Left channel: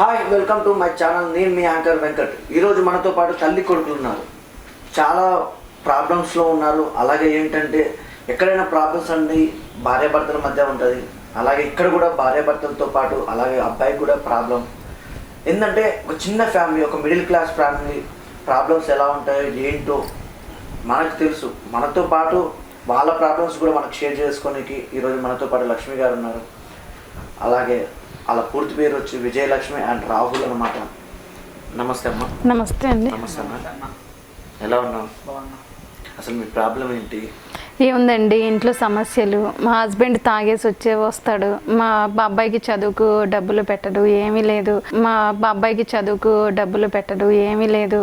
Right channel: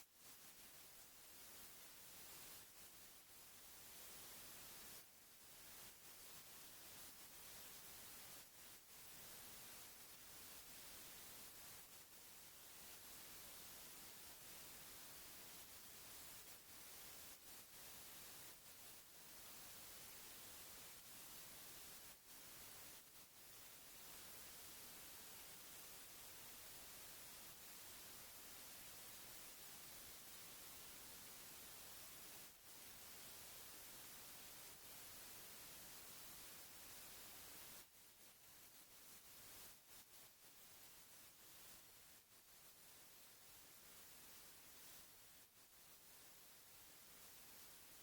Hi welcome to my channel నేను మీ anchor Venkat. ఈరోజు మనతో పాటు తల్లి కొడుకులు ఉన్నారు. చాలా ప్రాబ్లమ్స్లో ఉన్నారు. అలాగే ఏంటంటే ఎక్కడైనా ప్రాబ్లమ్స్ అండి భార్యాభర్తల మధ్య ఉంటుంది. అలాగే ఇక్కడ కూడా భార్యాభర్తలతో పాటు అలాగే అబ్బాయికి కూడా ప్రాబ్లం ఏంటంటే ఒక చిన్న ఫ్యామిలీ ఒక మిడిల్ క్లాస్ ఫ్యామిలీ ప్రాబ్లమ్స్ ఎలా ఉంటాయో ఏంటో మనకు తెలుసు. మనతో పాటు వాళ్ళ ప్రాబ్లమ్స్ కూడా మనకు షేర్ చేసుకోనికి ఈరోజు మనతో పాటు లక్ష్మి గారు ఉన్నారు. అలాగే వాళ్ళ పూర్తి పేరు వచ్చి విజయలక్ష్మి అండ్ రాహుల్ అనమాట నమస్తే అమ్మా. నమస్తే అండి. నమస్తే అమ్మా. ఎలా ఉన్నావు? అసలు మీ ప్రాబ్లం ఏంటి? ఏముందండి ఇంట్లో సమస్యలు. మా హస్బెండ్ తాగేసి వచ్చే వస్తాడు. మా బాబాయికి చదువుకు డబ్బులు పెట్టడు ఏమీ లేదు. మా బాబాయికి చదువుకు డబ్బులు పెట్టడు ఏమీ లేదు.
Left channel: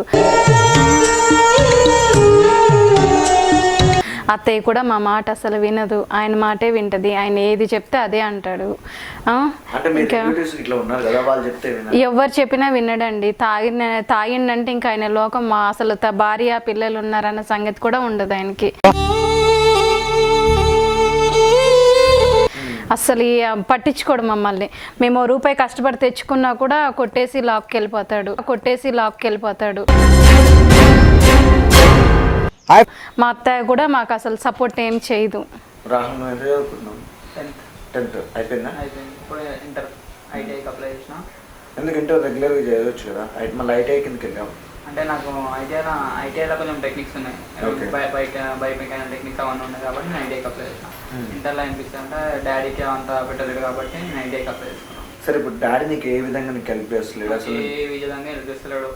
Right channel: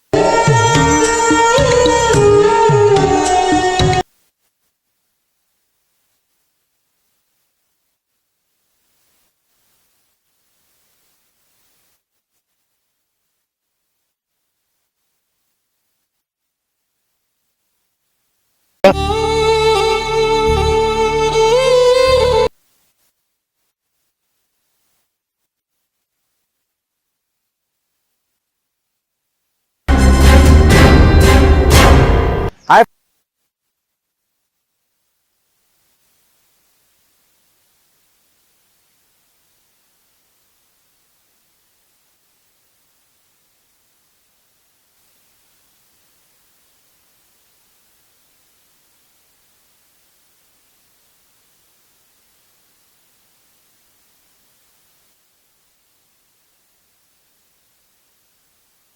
అత్తయ్య కూడా మా మాట అసలు వినదు. ఆయన మాటే వింటది. ఆయన ఏది చెప్తే అదే అంటాడు. ఇంకా ఎవరు చెప్పినా వినడండి. తాగిన తాగిండంటే ఇంకా ఆయన లోకం మా అసలు త- భార్య పిల్లలు ఉన్నారన్న సంగతి కూడా ఉండదు ఆయనకి. అసలు పట్టించుకోడు మమ్మల్ని. మేము రూపాయి కష్టపడి తెచ్చుకున్నా కూడా కొట్టేసి లాక్కి వెళ్ళిపోతాడు కొట్టేసి లాక్కి వెళ్ళిపోతాడు మా అత్తయ్య కూడా మాకు అసలు సపోర్ట్ ఏం చేయదు. రాహుల్ నువ్వు ఎంత చదువుకున్నావు టెన్త్ టెన్త్ అయిపోయిందా? అయిపోయింది. ఇప్పుడు ఇంటర్ ఐటీఐకి అప్లై చేసిన. ఎందుకంటే రెగ్యులర్గా చేయవచ్చు కదా? మళ్ళీ ఐటీఐ కిందకి వెళ్ళాము అంటే నాకు ఐటీఐలో ఐటీఐలో కొంచెం టెక్నిక్స్ ఉన్నాయి. బైక్ బైక్ మెకానిక్ టెక్నిక్స్ అవన్నీ ఉన్నాయి కాబట్టి నేను ఐటీఐకి అప్లై చేసిన. Hmm. ఇంటర్లో అనిపిస్తుంది అంటే డాడీకి అంత పెట్టలేదు కాబట్టి నేను ఐటీఐకి అప్లై చేసుకున్నాను సరే ఇప్పుడు డాడీ నీకు ఏ విధంగా నీకు హెల్ప్ చేస్తలేడు? అసలు ఏ విధంగా హెల్ప్ చేస్తలేడు.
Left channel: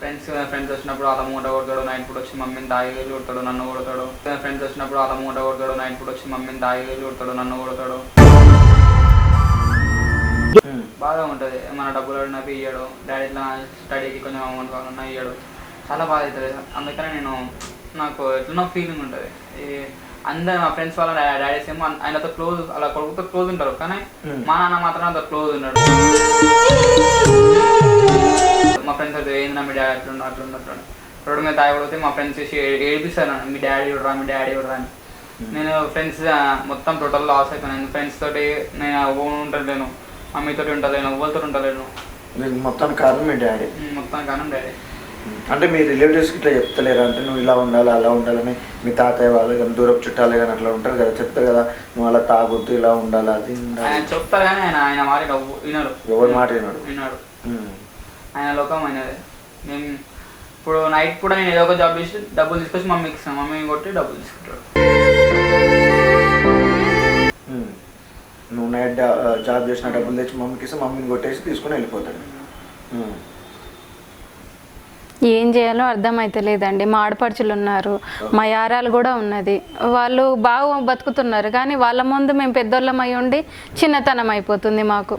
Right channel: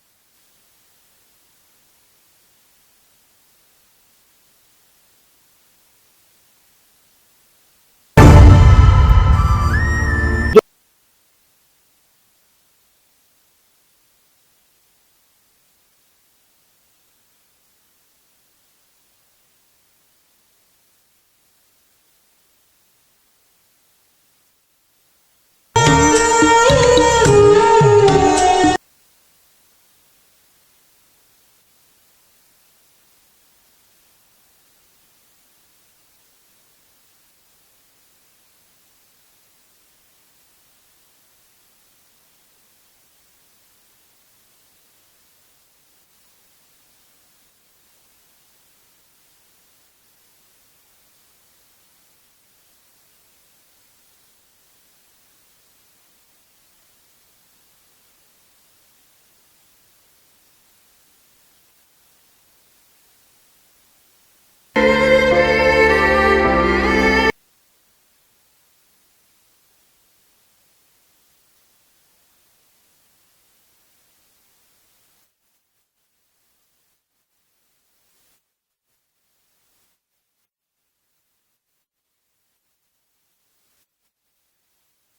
ఫ్రెండ్స్ ఫ్రెండ్స్ వచ్చినప్పుడు వాళ్ళ మూట కొడతాడు నైట్ పూట వచ్చి మమ్మీని దాగి వెళ్ళి కొడతాడు నన్ను కొడతాడు. ఫ్రెండ్స్ వచ్చినప్పుడు వాళ్ళ మూట కొడతాడు నైట్ పూట వచ్చి మమ్మీని దాగి వెళ్ళి కొడతాడు నన్ను కొడతాడు. బాగా ఉంటుంది. మన డబ్బులు అడిగినవి ఇయ్యడు. డాడీ ఇట్లా స్టడీకి కొంచెం అమౌంట్ కావాలన్నా ఇయ్యడు. చాలా బాగా అవుతుంది అందుకనే నేను నాకు ఎట్లనో ఫీలింగ్ ఉంటుంది. అందరు మా ఫ్రెండ్స్ వాళ్ళ డాడీస్ ఏమో ఆయనతో క్లోజ్ అలా కొడుకుతో క్లోజ్ ఉంటారు. కానీ Hmm. మా నాన్న మాత్రం అంత క్లోజ్ ఉన్నాడు మా ఫ్రెండ్స్ అయితే ఏంది మీ డాడీ అట్లుండు అట్లుండు అట్లుండు. రోడ్డు మీద తాగబడితే మా ఫ్రెండ్స్ చేసి ఏడిపిస్తారు మీ డాడీ ఇవ్వరా మీ డాడీ ఇవ్వరా అని. నేను ఫ్రెండ్స్ మొత్తం టోటల్ లాస్ అయిపోయాను. ఫ్రెండ్స్ తోటి నేను ఓన్ ఉండలేను. మమ్మీతోటి ఉండలేను ఎవరితో ఉండలేను. మొత్తం కారణం మీ డాడీ. మొత్తం కారణం డాడీ. అంటే మీ రిలేటివ్స్కి ఇట్లా చెప్తలేరు? అంటే నువ్వు ఇలా ఉండాలి అలా ఉండాలని మీ తాతయ్య వాళ్ళు కానీ దూరపు చుట్టాలు కానీ అట్లా ఉంటారు కదా చెప్తారు కదా నువ్వు అలా తాగొద్దు ఇలా ఉండాలి అది ఆయన చెప్తారు కానీ ఆయన ఆయన మాట వినడు ఎవరి మాట వినడు. ఆయన లోకం అయినది. మేము ఇప్పుడు నైట్ కూడా నేను ఏదో ఒక జాబ్ చేసి డబ్బులు తీసుకొచ్చి మమ్మీకి ఇస్తాను. మమ్మీ కొట్టి డబ్బులు తీసుకుంటాడు. నువ్వు నైట్ జాబ్ చేసిన డబ్బులు తెచ్చి మమ్మీకి ఇస్తే మమ్మీని కొట్టేసి తీసుకుని వెళ్ళిపోతాడు. ఏం చేయాలో అర్థమైతలేదండి మా ఆడపడుచులు ఉన్నారు మా యారాలు కూడా ఉన్నది. వాళ్ళు బాగా బతుకుతున్నారు కానీ వాళ్ళ ముందు మేము పెద్దోళ్ళం అయి ఉండి చిన్నతనం అయిపోతుంది మాకు.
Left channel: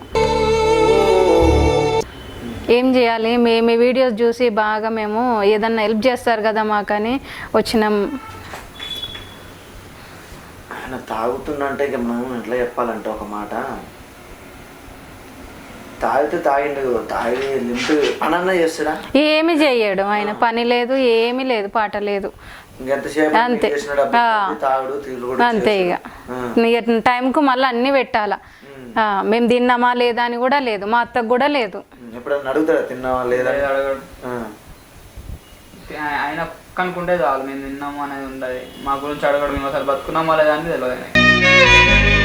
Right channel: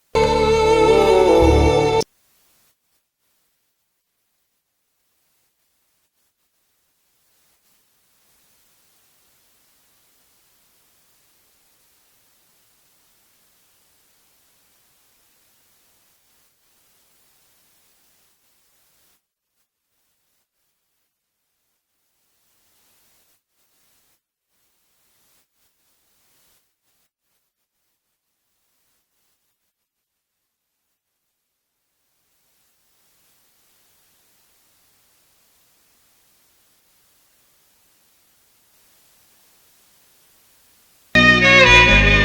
ఏం చేయాలి? మేము మీ వీడియోస్ చూసి బాగా మేము ఏదన్నా హెల్ప్ చేస్తారు కదా మాకని వచ్చినాం. తాగుతున్నా అంటే ఇక మనం ఎట్లా చెప్పాలంటే ఒక మాట. తాగితే తాగిండు తాగి చేస్తాడా? ఏమి చేయడు ఆయన పని లేదు ఏమీ లేదు పాట లేదు. అంతే. అంతే ఇక. టైంకు మళ్ళీ అన్నీ పెట్టాలా. ఆ, మేము తిన్నామా లేదా అని కూడా లేదు మా అత్తకు కూడా లేదు. అడుగుతాడా తిన్నావా లేదా. ఆయన- కనుక్కుంటే చాలు మేము తిన్నాము అనేది ఉండదు. మా గురించి అడగడు మేము అసలు బతుకున్నామా లేదా అని తెలియదు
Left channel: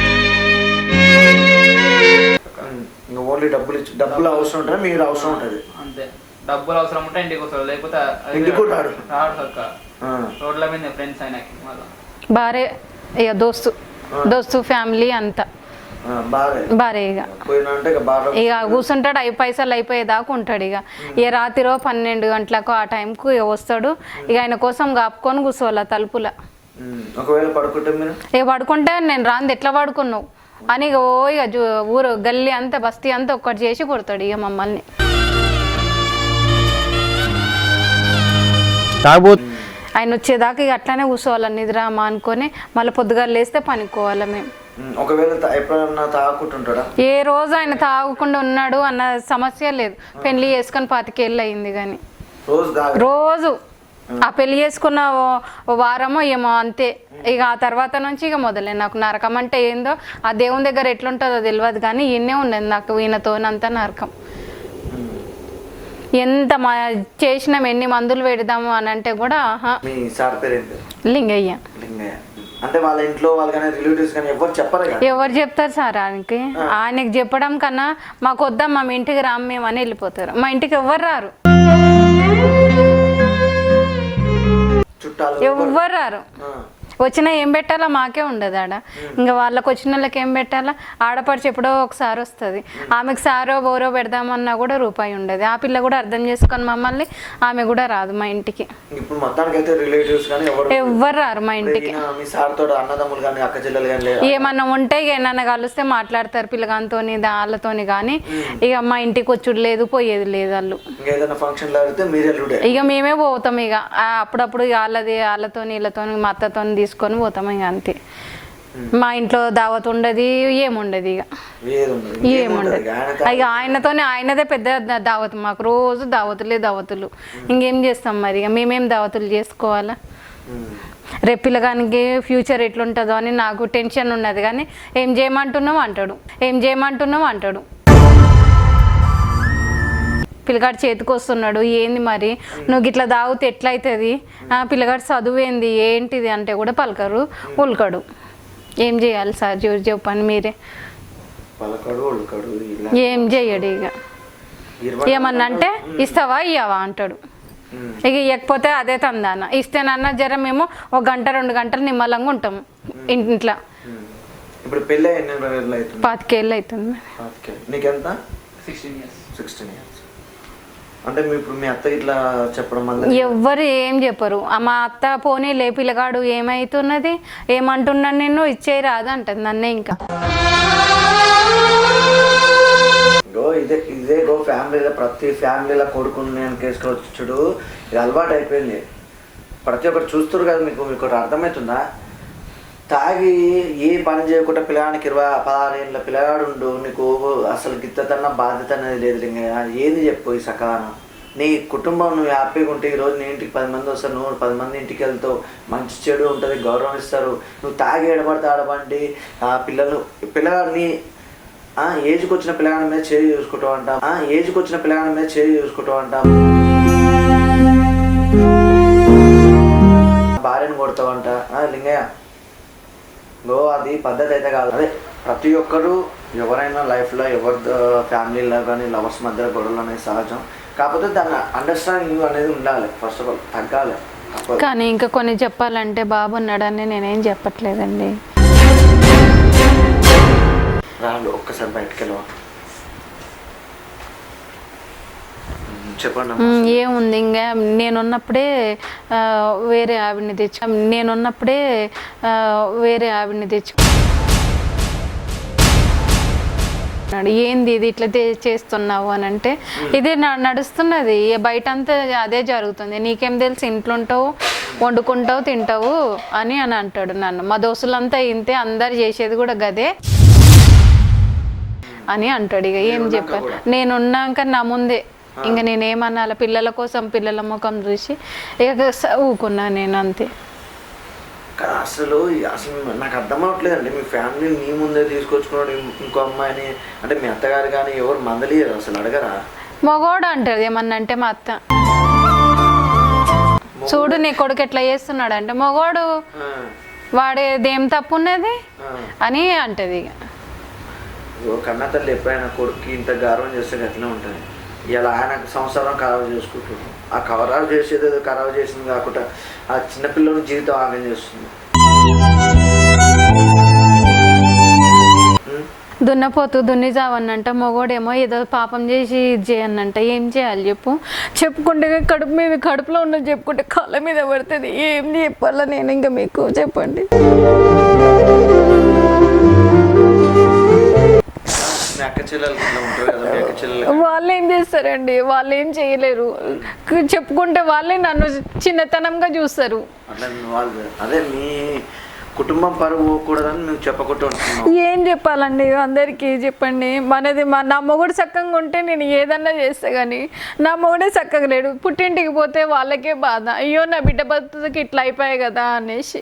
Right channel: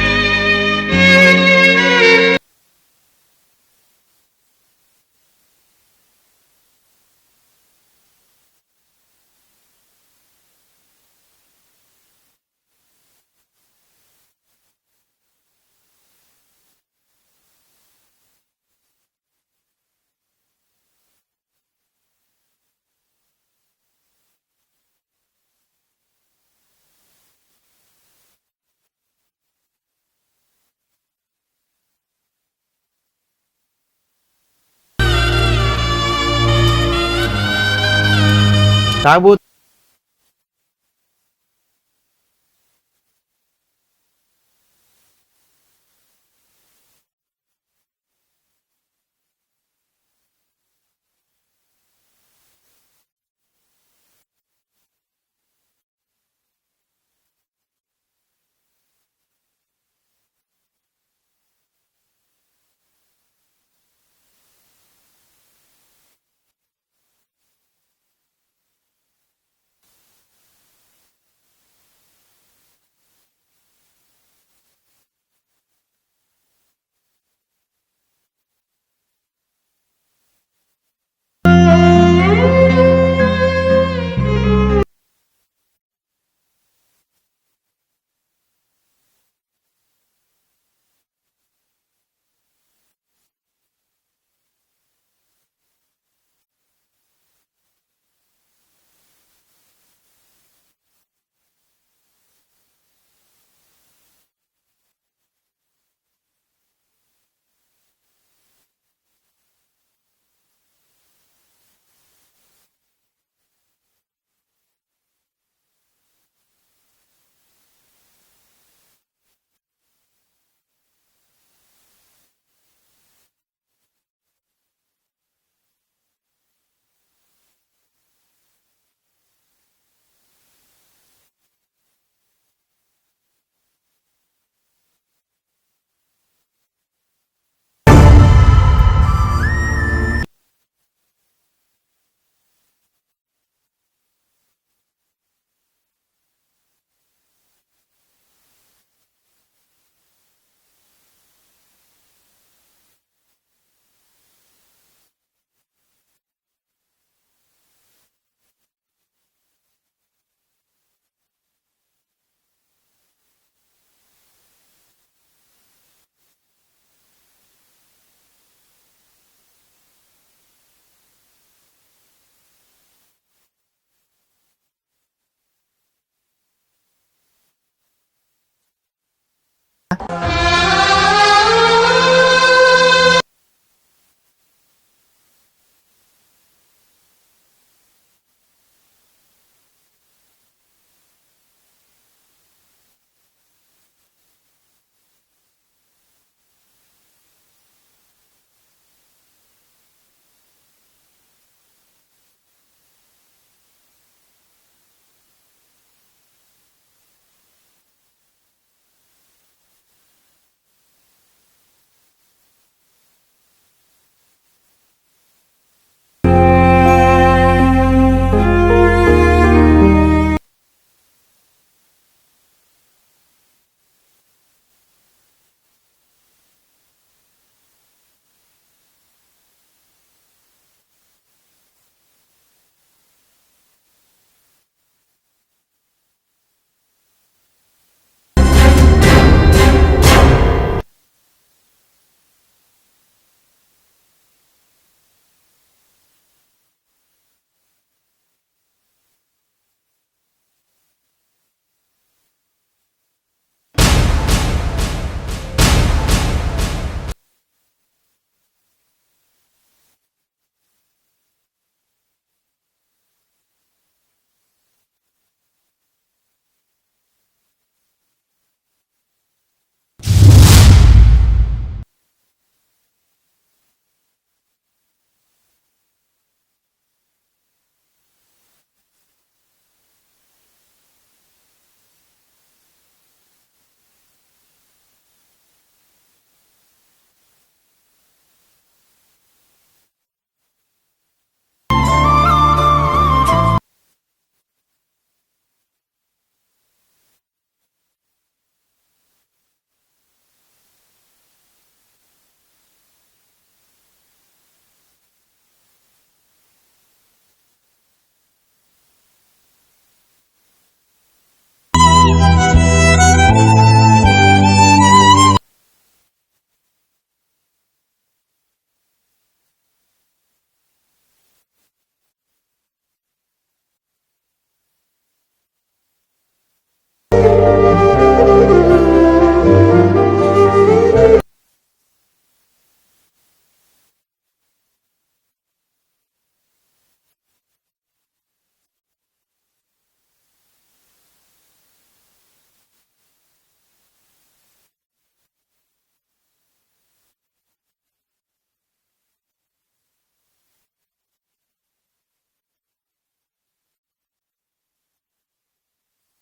ఓన్లీ డబ్బులు ఇచ్చి డబ్బులు అవసరం ఉంటుంది మీరు అవసరం ఉంటుంది. అంతే. డబ్బులు అవసరం ఉంటే ఇంటికి వస్తాడు లేకపోతే ఇంటికి కూడా రాడు. రాడు సక్క. రోడ్ల మీద ఫ్రెండ్స్ ఆయనకి భార్య ఇక దోస్తు. దోస్తు ఫ్యామిలీ అంతా. భార్య. ఇక కూర్చుంటాడు అవి పైసలు అయిపోయేదాకా ఉంటాడు ఇక ఇక రాత్రిరో పన్నెండు గంటలకు ఆ టైంకు ఇక వస్తాడు. ఇక ఆయన కోసం కాపుకొని కూర్చోవాలి తలుపుల. ఒకవేళ పడుకుంటే మీరు? ఇక పడుకుంటే నేను రాంది ఎట్లా పడుకున్నావు? అని ఇక ఓ ఇక జు- ఊరు గల్లీ అంతా బస్తీ అంతా ఒక్కటి చేసి కొడతాడు ఇక మమ్మల్ని. ఆయన వచ్చేదాకా ఇక అట్లానే కూర్చోవాలి నిద్ర మా అనుకొని మళ్ళీ పొద్దుగా లేస్తే పనుకోవాలి మేము. ఉమ్. ఒకవేళ తా- ఎప్పుడన్నా తాగుకుంటుంటాడా? ఏ రోజు ఆయన తాగకుండా ఉన్నాడు అన్న సమస్య లేదు. పెళ్ళి చేసుకొని పాతికేళ్ళు అయింది కానీ రోజు. ఆ పెళ్ళి చేసుకున్న వారమో ఏమో అంతే. ఇక ఆ తర్వాత నుంచి ఇక మొదలే. నాకు నరకం అంటే ఏందో ఆ దేవుని దగ్గర ఎట్లుంటుందో తెలియదు కానీ ఈయనే ఉన్నది నాకు ఈయనతోనంతా నరకం. ఎంత మా చేసినాం ఎన్ని మందులు పెడదాము అని అంటే కూడా లింగయ్య. అంటే వాళ్ళ ఇంట్లో వాళ్ళు కానీ రిలేటివ్స్ కానీ ఎవరు చెప్పరు ఎవరు చెప్తారు సార్ ఆయనకి? ఆయనకి చెప్పడం కన్నా మాకు వద్దాం మా ఇంటికి రాము మేము అని వెళ్ళిపోతారు. మా ఇంటికి ఎవరు రారు. చుట్టాలు ఎవ్వరు రారు. వచ్చినా ఏం పెట్టాలో? మాకే ఉండదు ఆడ. ఇంకా వాళ్ళకి వచ్చిన వాళ్ళకి ఏం పెట్టాలా? ఆడపడిచి ఎప్పుడో ఒకసారి వస్తుంది. ఆమెకు సారో బోరో పెడదామన్నా కూడా రూపాయి ఉండదు. ఆ పిల్ల కూడా అర్థం చేసుకొని మమ్మల్ని ఆమె కూడా రాదు మా ఇంటికి. ఎవ్వరు రారు మా ఇంటికి. ఏమన్నా ఉంటే ఇక ఏమన్నా కలిస్తే మాట్లాడతారు పిల్లగానితోని వాళ్ళతోని కానీ. ఇక మా ఇంటికి వచ్చుడు లేదు పోయేది లేదు వాళ్ళు. ఇంకా మేమే పోతాం ఇక. అప్పుడప్పుడు వాళ్ళది వాళ్ళతోని వీళ్ళతోని మా అత్తతోని తీసుకొని పోతాం ఇక అంతే. మా ఇంట్లో దావత్ ఉండదు ఏముండదు ఇక. ఏముండదు. ఇక ఆయన ఇక ఆయనతోనే ఆయనదే పెద్ద దావత్. మాకు రోజు దావతులే దావతులు. ఇంకేం చేస్తాం మరి ఇక? మేమేం దావతులు చేసుకోవాలా. రేపు పిల్లగానికి ఫ్యూచర్ ఎట్లుంటుందో అని నాకు టెన్షన్ ఉన్నది కానీ ఏం చేయమంటున్నావు అంటాడు. ఏం చేయమంటున్నావు అంటాడు. పిల్లగాడు చేతికి వస్తున్నాడు ఏంది మరి? నువ్వు ఇట్లా తాగితే ఎట్లయితుంది? ఆ, పిల్లగాడు చదువు ఏంది? ఏంటిది? అంటే కూడా పలకరు ఉల్కడు. ఏం చేయాలి సార్? చూసి చెప్పండి మీరే. పలకడు ఉళ్ళకడు ఇలా. ఏం చెయ్యడు ఇక ఏమన్నా అంటే ఇస్తావా? ఇయ్యవా? అంటాడు. ఇక ఇవ్వకపోతే అదే తందాన. ఇస్తేనన్నా జర మేము ఒక గంట రెండు గంటలు నిమ్మలంగా ఉంటాము ఇంట్లో. ఇప్పుడు పెళ్ళి పాతికేళ్ళు అవుతుంది నీకెంత? సిక్స్టీన్ ఇయర్స్ సిక్స్టీన్ ఇయర్స్ అంటే ఇప్పుడు మీ అత్త ఇట్లా చెప్పడం ఎవ్వరు ఏం చెప్పరు. ఆ మా అత్త పోనీ లే పిల్లగాడు ఏమైతున్నది? ఏమంటున్నాను నిన్ను? ఇచ్చేయి రాదు అంటది నన్నే ఇంకా. ఇదే ఇదే గో ఫ్యామిలీలో ప్రతి ఫ్యామిలీలో కొడుకుని నేను కేసుకోవచ్చుడు ఇది అలవాటు అయిపోయింది ప్రతి ఒక్కరు చూస్తారు కదా మీకు మీకు అర్థమవుతుందా తాగి ఏ పని చేయకుండా పిల్లగానికి ఇరవై పదహారు ఏళ్ళ పిల్లగాడు ఉండు నీకు అసలు గిత్తతన్న బాధ్యత అనేది లేదు లింగయ్య. ఏంది చెప్పు ఈ సకాలం? నీ కుటుంబం నువ్వు హ్యాపీగా ఉంటే ఈరోజు నీ ఇంటికి పది మంది వస్తారు నువ్వు పది మంది ఇంటికి వెళ్తావు. మంచి చెడు ఉంటుంది గౌరవం ఇస్తారు. నువ్వు తాగి ఎడబడితే ఆడబండి ఆ పిల్లలు పిల్లగాడిని ఏజ్కి వచ్చిన పిల్లగాడి మీద చేయి చూసుకుంటావు అంటాం. ఏజ్కి వచ్చిన పిల్లగాడి మీద చేయి చూసుకుంటావు అంటాం. భార్యను కొడతావంట లింగయ్య గో అది పద్ధతి అయితే కాదు. అదే ప్రతి ఒక్కరు ఎవరైనా లైఫ్లో ఎవరి ఫ్యామిలీలో కానీ లవర్స్ మధ్య గొడవలు అనేది సహజం. కాకపోతే దాన్ని అండర్స్టాండింగ్ అనేది ఉండాలి. ఫస్ట్ ఆఫ్ ఆల్ తగ్గాలి. కానీ ఇంకా కొన్ని చెప్పాలంటే బాబు ఉన్నాడని నేనేం చెప్పట్లేదండి. రాళ్ళు ఒక్కసారి బయటకు వెళ్ళవా? చెప్పండి ఏముంది ఇంకా? నేనున్నప్పుడే వేరే ఆవిడని తెచ్చు. నేనున్నప్పుడే వేరే ఆవిడని తెచ్చు. ఏంది ఇది? ఇట్లా చేస్తున్నావు? అని అంటే ఇది నడుస్తున్నది. బయట అంతా అదే జరుగుతుంది. నీకేం తెలుసు? ఇంట్లో ఉంటావు వండుకుంటావు తింటావు అని అని అంటాడు నన్ను. మా దోస్తులంతా ఇంతే అందరు చేసేది కూడా గదే అని అంటాడు. ఇక ఏం చెప్పాను నేనున్నాక నా ముందే ఇంకా నేనేమనాల పిల్లల కోసం పిల్లల ముఖం చూసి ఇక ఊకున్నా నేను అంతే అసలు అసలు నాకు అర్థం అవ్వట్లేదండి మీ ఫ్యామిలీ మీ ముందే తీసుకొచ్చుకున్నాడు ఇంకో అమ్మాయిని. అంటే మీ అత్తగారు కానీ ఎవరు మందలియరు అసలు అడగరా? మగోడు అంటాడు ఏమన్నా అంటే మా అత్త. చూడు నీ కొడుకు ఎట్లా చేస్తున్నాడు అంటే మగోడు వాడేదేం తప్పు ఉన్నది. అని అంటది ఇక కన్న తల్లి ఎప్పుడైనా కొడుకు ఇంత గౌరవం చేస్తే గట్లనే ఉంటుంది. ఇలా ఆయన సంసారం ఖరాబ్ చేసుకుంటుంది ఆ ఖరాబ్ చేసేది ఏదో ఖరాబ్ చేసింది కాకుండా ఆ చిన్నపిల్లని జీవితం ఆమె చేస్తుంది. దున్నపోతూ దున్ని చావన్నంట మొగోడేమో ఏదో పాపం చేసి ఇది చేయనంట ఏం చేయాలి చెప్పు? చెప్పుకుంటే కడుపు మీద కడుపులో ఉన్నది చెప్పుకుంటే కాళ్ళ మీద పడుతుంది ఏం చెప్పాలా నేను ఇంకా మీకు చెప్పండి. వాళ్ళు ఏం చేస్తారండి? వాళ్ళు ఏం చేయలేరు చెప్పుకుంటే వాళ్ళే నన్ను చిన్నతనంగా చూస్తారు. అదే మీ కుటుంబం పరువు పోకూడదని ఏం చెప్పాలండి? అందరికీ చెప్పండి. మనది మా నా మొగుడు చక్కగా ఉంటే నేను ఏదన్నా చేస్తా కానీ నా మొగుడే చక్కగా లేడు. పుట్టింటికి పోతే వాళ్ళకే బాధ. అయ్యో నా బిడ్డ బతుకి ఇట్లా అయిపోయాయి కదా అనేసి.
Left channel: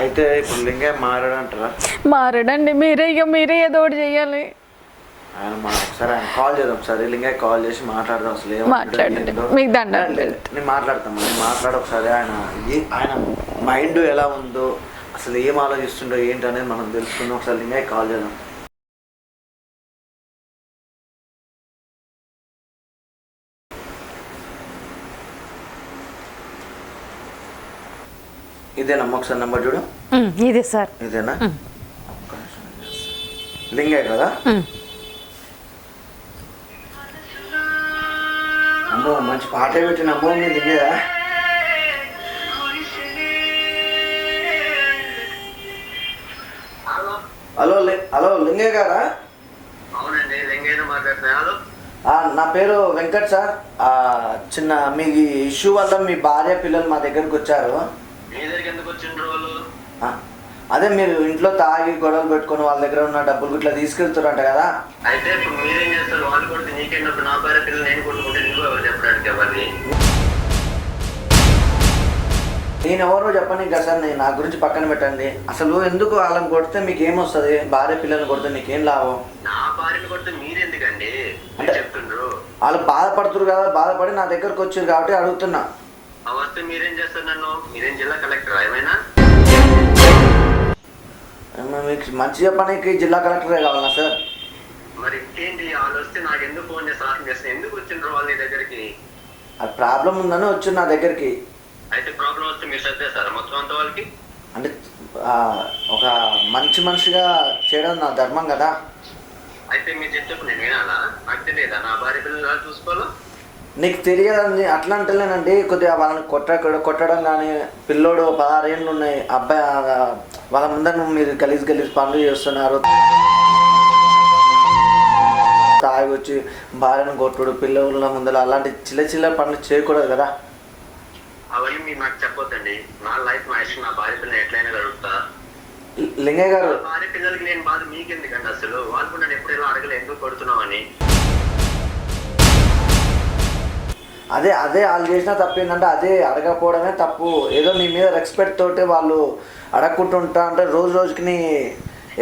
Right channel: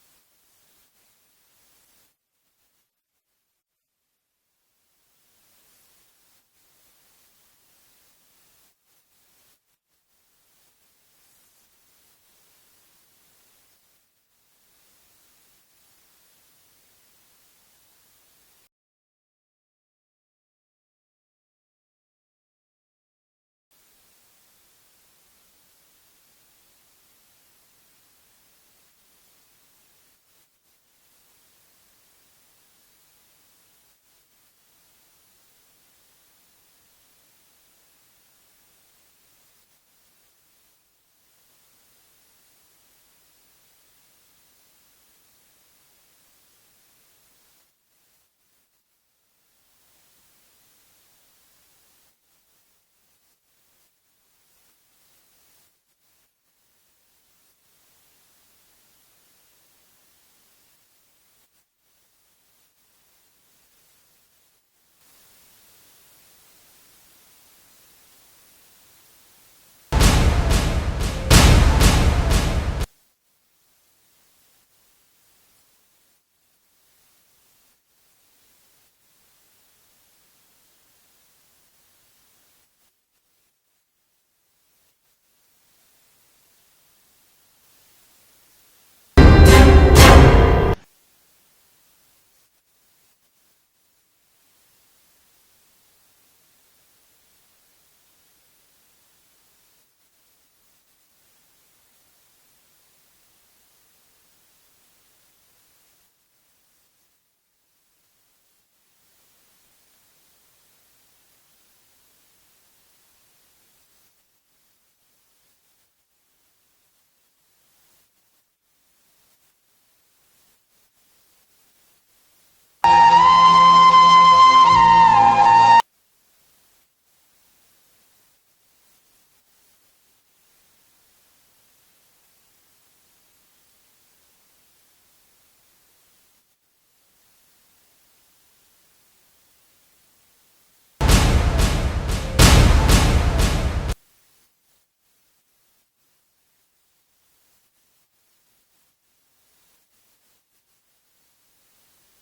అయితే ఇప్పుడు లింగే మారాడంటారా? మారడండి. మీరే ఇక మీరే ఏదో ఒకటి చెయ్యాలి. ఆయన మనం ఒకసారి ఆయన కాల్ చేద్దాం. ఒకసారి లింగే కాల్ చేసి మాట్లాడదాం. అసలు ఏమంటాడో మాట్లాడండి. ఏంటో. మీకు దండం నేను మాట్లాడతాను నేను మాట్లాడ ఒకసారి ఆయన ఏ- ఆయన మైండ్ ఎలా ఉందో అసలు ఏం ఆలోచిస్తుండో ఏంటి అనేది మనం తెలుసుకుందాం. ఒకసారి లింగే కాల్ చేద్దాం. ఇదేనమ్మా ఒకసారి నెంబర్ చూడు. ఇదే సార్. ఇదేనా. లింగే కదా. అమ్మో మంచి పాట పెట్టిన అమ్మో మీ లింగేదా హలో. హలో లింగే గారా? అవునండి లింగైన మాట్లాడుతున్నా. హలో. ఆ, నా పేరు వెంకట్ సార్. ఆ, చిన్న మీ ఇష్యూ వల్ల మీ భార్య పిల్లలు మా దగ్గరకు వచ్చారు. అదే మీరు ఇంట్లో తాగి గొడవలు పెట్టుకొని వాళ్ళ దగ్గర ఉన్న డబ్బులు ఇట్లా తీసుకెళ్తారంట కదా. అయితే ఇప్పుడు మీరేం చేస్తారు? వాళ్ళు కొడితే నీకేంటప్పుడు నా భార్య పిల్లలు నేను కొట్టుకుంటే నువ్వు ఎవరు చెప్పడానికి ఎవరిని నేను ఎవరో చెప్పండి ఇంకా సార్ నేను నా గురించి పక్కన పెట్టండి. అసలు ఎందుకు వాళ్ళని కొడితే మీకు ఏమొస్తుంది భార్య పిల్లల్ని కొడితే నీకేం లాభం? నా భార్యను కొడితే మీరెందుకండి? అంటే- చెప్తుండ్రు. వాళ్ళు బాధపడుతున్నారు కదా బాధపడి నా దగ్గరకు వచ్చారు కాబట్టి అడుగుతున్నా. ఆ వస్తే మీరేం చేస్తారు నన్ను? మీరేం జిల్లా కలెక్టర్ ఏమైనా? ఏమో మీకు మంచి చెప్పడానికి జిల్లా కలెక్టరే కావాలా సార్? మరి ఇంకేంటి వాళ్ళు వస్తే నాకు ఎందుకు ఫోన్ చేసి సాహసం చేస్తారు ఎందుకు వచ్చిండ్రు వాళ్ళు దగ్గరికి? అది ప్రాబ్లం ఉందని వచ్చి నా దగ్గరికి. అయితే ప్రాబ్లం వస్తే మీరు సర్దేస్తారా మొత్తం అంత వాళ్ళకి? అంటే ఒక మంచి మనిషిగా చేయడం నా ధర్మం కదా. అయితే మీరు చెప్పు నేను వినాలా? నాకు తెలియదా? నా భార్య పిల్లలు చూసుకోవాలో? నీకు తెలియదండి అట్లా అంటలేనండి కొద్దిగా వాళ్ళని కొట్ట కొట్టడం కానీ పిల్లోడు పదహారేళ్ళు ఉన్నాయి అబ్బాయి వాళ్ళ ముందర మీరు గలీజ్ గలీజ్ పనులు చేస్తున్నారు. తాగి వచ్చి భార్యను కొట్టుడు పిల్లల ముందర అలాంటి చిల్ల చిల్ల పనులు చేయకూడదు కదా. అవన్నీ మీరు నాకు చెప్పొద్దండి. నా లైఫ్ నా ఇష్టం నా భార్య పిల్లలు ఎట్లయినా గడుపుతా. లింగయ్య గారు భార్య పిల్లలకి నేను బాధ మీకెందుకండి అసలు? వాళ్ళు కూడా నన్ను ఎప్పుడు ఇలా అడగలే ఎందుకు కొడుతున్నావు అదే అదే వాళ్ళు చేసిన తప్పు ఏంటంటే అదే అడగకపోవడమే తప్పు. ఏదో నీ మీద రెస్పెక్ట్ తోటి వాళ్ళు అడగకుంటుంటా అంటే రోజు రోజుకి నీ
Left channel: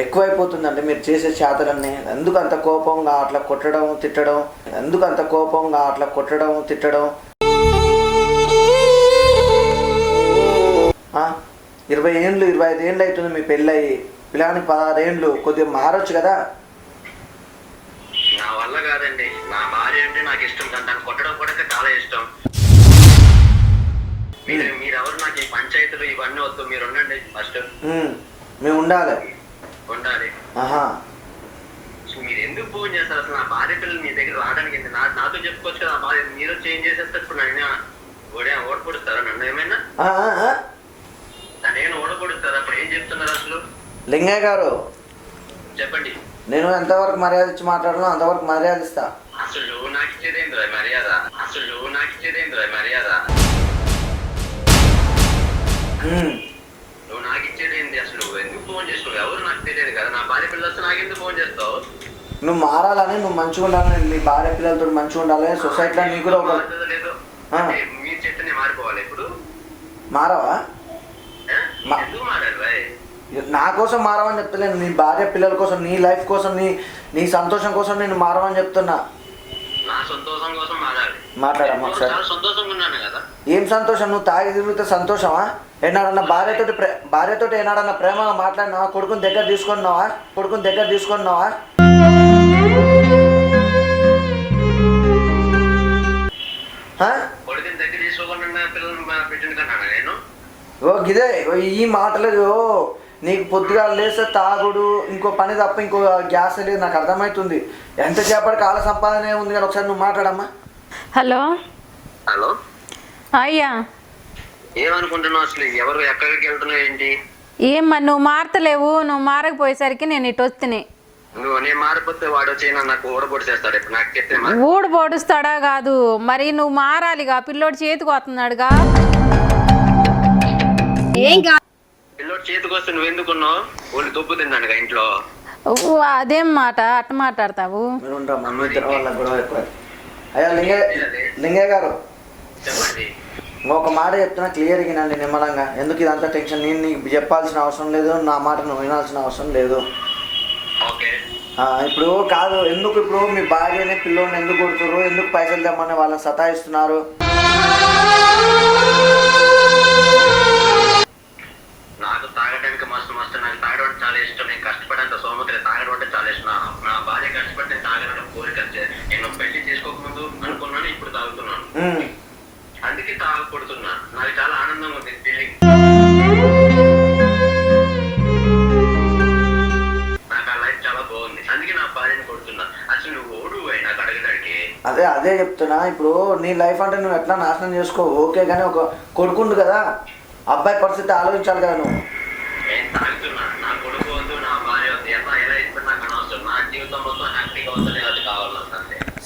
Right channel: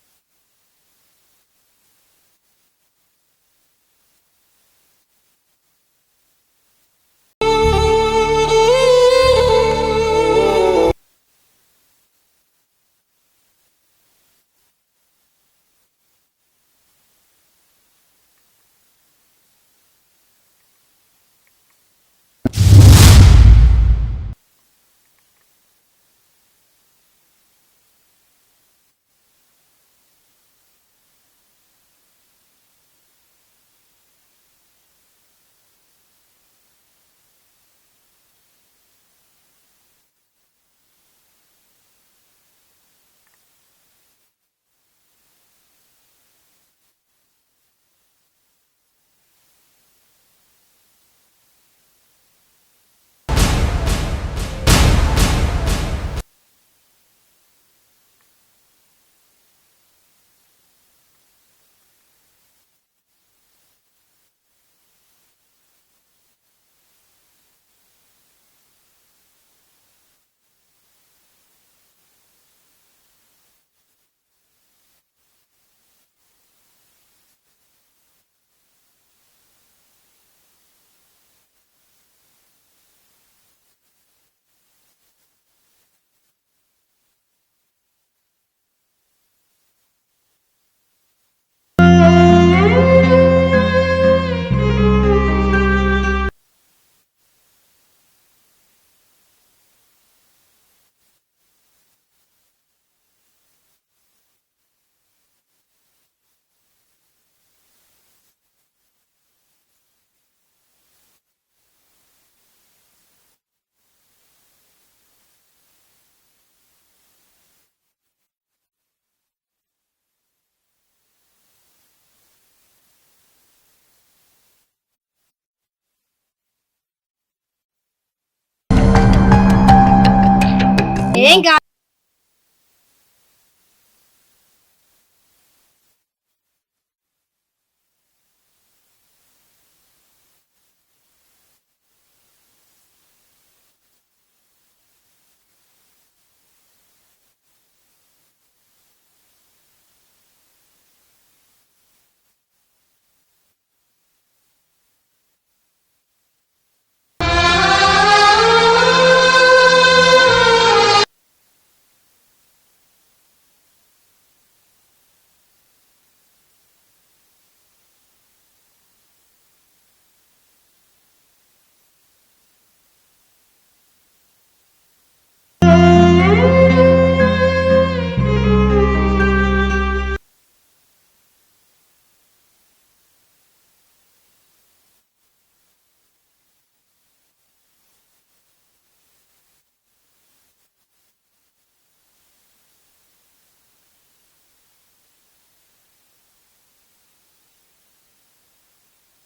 ఎక్కువైపోతుందండి మీరు చేసే చేతలన్నీ. ఎందుకు అంత కోపంగా అట్లా కొట్టడం తిట్టడం? ఎందుకు అంత కోపంగా అట్లా కొట్టడం తిట్టడం? ఇరవై ఏండ్లు ఇరవై ఐదు ఏండ్లు అవుతుంది మీ పెళ్ళయి. పిల్లానికి పదహారు ఏండ్లు కొద్దిగా మారొచ్చు కదా? దాన్ని కొట్టడం కూడా చాలా ఇష్టం. మీరు మీరెవరు నాకు ఈ పంచాయతీలు ఇవన్నీ వద్దు మీరు ఉండండి ఫస్ట్. మేము. ఉండాలి. ఉండాలి. ఆహా. మీరు ఎందుకు ఫోన్ చేస్తారు? అసలు నా భార్య పిల్లలు మీ దగ్గర రావడానికి? నా నాతో చెప్పుకోవచ్చు కదా భార్య మీరు చేంజ్ చేసేస్తే ఇప్పుడు నన్ను ఓడే ఓడపొడుస్తారా నన్ను ఏమైనా? ఏమైనా ఓడపొడుస్తారా అప్పుడు ఏం చెప్తున్నారు అసలు? లింగయ్య గారు. చెప్పండి. నేను ఎంతవరకు మర్యాద ఇచ్చి మాట్లాడాలో అంతవరకు మర్యాద ఇస్తా. అసలు నాకు ఇచ్చేదేంద్రా మర్యాద అసలు నాకు ఇచ్చేదేంద్రా మర్యాద. నువ్వు నాకు ఇచ్చేదేంది అసలు నువ్వు ఎందుకు ఫోన్ చేస్తావు ఎవరు నాకు తెలియదు కదా నా భార్య పిల్లలు వస్తే నాకు ఎందుకు ఫోన్ చేస్తావు నువ్వు మారాలని నువ్వు మంచిగా ఉండాలని నీ భార్య పిల్లలతో మంచిగా ఉండాలని సొసైటీలో నీకు కూడా ఒక మీరు చెప్తే నేను మారిపోవాలి ఇప్పుడు మారవా? మా- నా కోసం మారవని చెప్తలేను నీ భార్య పిల్లల కోసం నీ లైఫ్ కోసం నీ నీ సంతోషం కోసం నేను మారవని చెప్తున్నా సంతోషం కోసం మారాలి మాట్లాడమ్మా నేను ఒకసారి. చాలా సంతోషంగా ఉన్నాను కదా? ఏం సంతోషం? నువ్వు తాగి తిరిగితే సంతోషమా ఏనాడన్నా భార్యతోటి భార్యతోటి ఏనాడన్నా ప్రేమగా మాట్లాడినావా కొడుకుని దగ్గర తీసుకున్నావా? కొడుకుని దగ్గర తీసుకున్నావా? ఓ గిదే ఈ మాటలు నీకు పొద్దుగా లేస్తే తాగుడు ఇంకో పని తప్ప ఇంకో గ్యాస్ లేదు నాకు అర్థమవుతుంది ఎంతసేపటి కాల సంపాదనే ఉంది కానీ ఒకసారి నువ్వు మాట్లాడమ్మా. హలో? హలో? అయ్యా. ఏమనుకుంటున్నావు అసలు? ఎవరు ఎక్కడికి వెళ్తున్నావు ఏంటి? ఏమ్మా నువ్వు మారతలేవు నువ్వు మారకపోయేసరికి నేను ఇటు వస్తున్నాయి నువ్వు నేను మారిపోతే వాడు వచ్చి నాకు ఇప్పుడు నాకు చెప్తే ఊడు పొడుస్తాడా కాదు. మరి నువ్వు మారాలిగా పిల్లోడు చేతికి వస్తున్నాడుగా. పిల్లోడు చేతికి వస్తే నువ్వు ఎందుకున్నావు? వాళ్ళు దుబ్బు ఇంట్లో. అదేం మాట అట్ట మాట్లాడతావు? మీరు ఉంటాం మమ్మీ ఇద్దరు వాళ్ళ గొడవ ఎక్కువ. అయ్యా లింగయ్య లింగయ్య గారు. చెప్పండి. ఇంకొక మాట చెప్తున్నా క్లియర్గా నండి నిమ్మలంగా. ఎందుకు ఇదంతా టెన్షన్? నేను నీకు చెప్పాల్సిన అవసరం లేదు నా మాట నువ్వు వినాల్సిన అవసరం లేదు. ఓకే. ఆ, ఇప్పుడు కాదు ఎందుకు ఇప్పుడు మీ భార్యని పిల్లోని ఎందుకు కొడుతున్నారు ఎందుకు పైసలు తెమ్మని వాళ్ళని సతాయిస్తున్నారు? ఇప్పుడు నీ లైఫ్ అంటే నువ్వు ఎట్లా నాశనం చేసుకో? ఓకే కానీ ఒక కొడుకుండు కదా. అబ్బాయి పరిస్థితి ఆలోచించాలి కదా నువ్వు.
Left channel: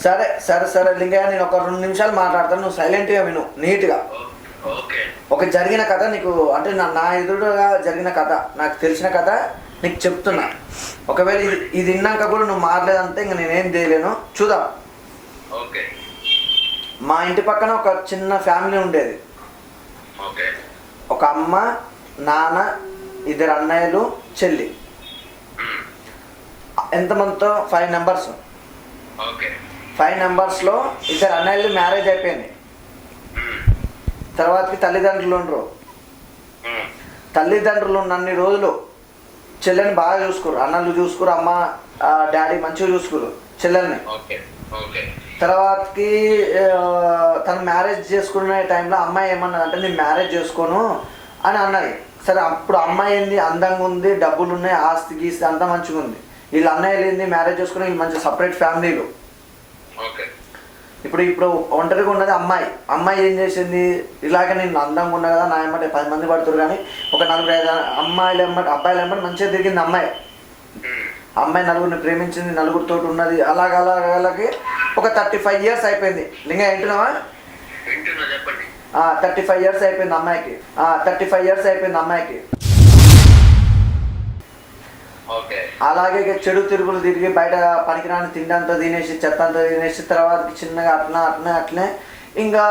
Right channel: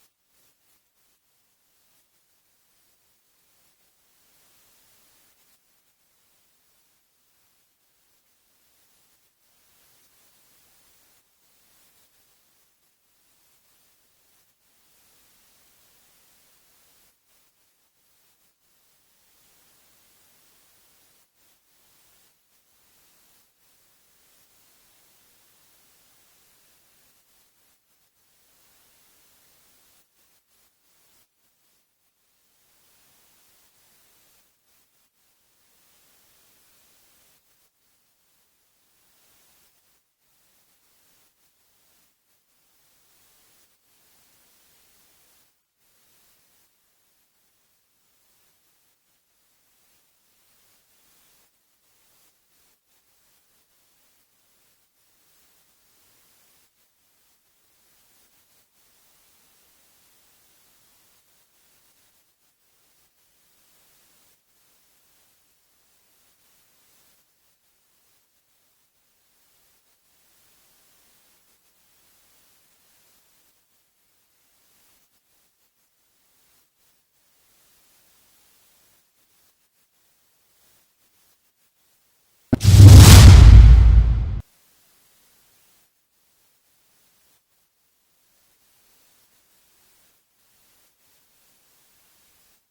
సరే సరే సరే లింగయ్య నేను ఒక రెండు నిమిషాలు మాట్లాడతాను. నువ్వు సైలెంట్గా విను నీట్గా. ఒక జరిగిన కథ నీకు అంటే నా నా ఎదురుగా జరిగిన కథ నాకు తెలిసిన కథ నీకు చెప్తున్నా. ఒకవేళ ఇది ఇది విన్నాక కూడా నువ్వు మారలేదంటే ఇంక నేనేం చేయలేను. చూద్దాం. ఓకే. మా ఇంటి పక్కన ఒక చిన్న ఫ్యామిలీ ఉండేది. ఒక అమ్మ నాన్న ఇద్దరు అన్నయ్యలు చెల్లి. ఎంతమందితో ఫైవ్ నెంబర్స్ ఫైవ్ నెంబర్స్లో ఇద్దరు అన్నయ్యలు మ్యారేజ్ అయిపోయింది. తర్వాతకి తల్లిదండ్రులు ఉండరు. తల్లిదండ్రులు ఉన్నన్ని రోజులు చెల్లెని బాగా చూసుకోరు. అన్నలు చూసుకోరు అమ్మ డాడీ మంచిగా చూసుకోరు చెల్లెల్ని. తర్వాతకి తను మ్యారేజ్ చేసుకునే టైంలో అమ్మాయి ఏమన్నది అంటే నేను మ్యారేజ్ చేసుకోను అని అన్నది. సరే అప్పుడు అమ్మాయి ఏంది? అందంగా ఉంది డబ్బులు ఉన్నాయి ఆస్తి గీస్తి అంతా మంచిగా ఉంది. వీళ్ళ అన్నయ్యలు ఏంది? మ్యారేజ్ చేసుకుని వీళ్ళు మంచి సపరేట్ ఫ్యామిలీలు. ఓకే. ఇప్పుడు ఇప్పుడు ఒంటరిగా ఉన్నది అమ్మాయి. అమ్మాయి ఏం చేసింది? ఇలాగే నేను అందంగా ఉన్నా కదా నా ఎమ్మటి పది మంది పడుతురు కానీ ఒక నలుగురు ఐదు అమ్మాయిలు ఎమ్మటి అబ్బాయిలు ఎమ్మటి మంచిగా తిరిగింది అమ్మాయి. మ్మ్. అమ్మాయి నలుగురిని ప్రేమించింది నలుగురితో ఉన్నది. అలాగ అలాగ ఒక థర్టీ ఫైవ్ ఇయర్స్ అయిపోయింది. లింగ ఏంటున్నావా వింటున్నా చెప్పండి. థర్టీ ఫైవ్ ఇయర్స్ అయిపోయింది అమ్మాయికి. థర్టీ ఫైవ్ ఇయర్స్ అయిపోయింది అమ్మాయికి. అలాగే చెడు తిరుగులు తిరిగి బయట పనికిరాని తిండి అంతా తినేసి చెత్త అంతా తినేసి తర్వాత చిన్నగా అట్లా అట్లనే అట్లనే ఇంకా